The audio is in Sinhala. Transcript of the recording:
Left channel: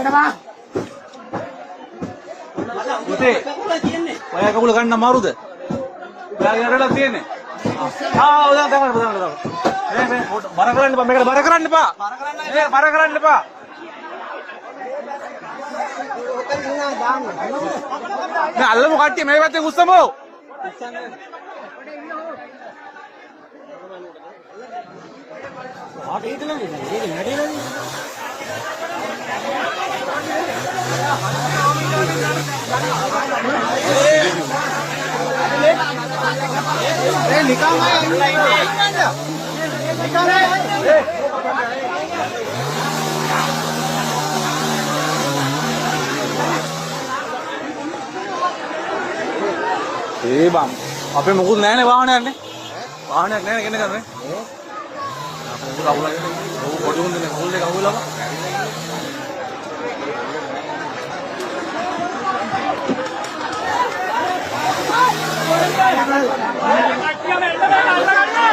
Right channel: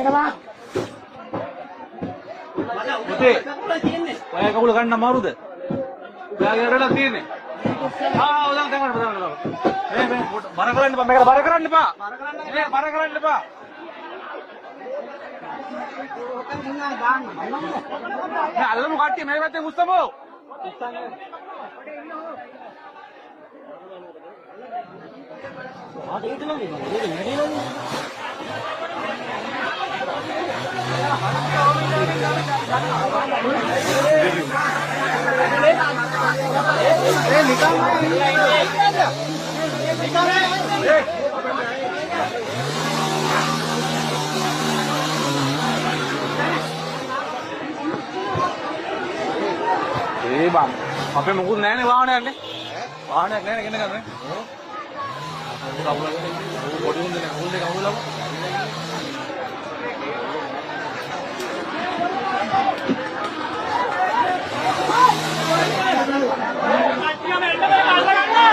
එනවා. පුතේ ඔය කකුල ගන්න අමාරුද? ඔයාගේ වැඩක් තියෙන්නේ. ඔයා ගන්න මේ බර කරන්න එපා. මේකට බර කරන්න එපා. මේ බර කරන්න එපා. මේ අල්ලමු කට්ටිය මේ පැත්තේ උස්සමු. ඒ බං අපේ මොකුත් නැහැ නේ වාහනයක් නේ. වාහනයක් නැහැ නේ ගෙන්න ගන්න. පොඩි උන්දනේ කෝල් එක අහුවලා. කට්ටියම එන්න බෑ අල්ල ගන්න.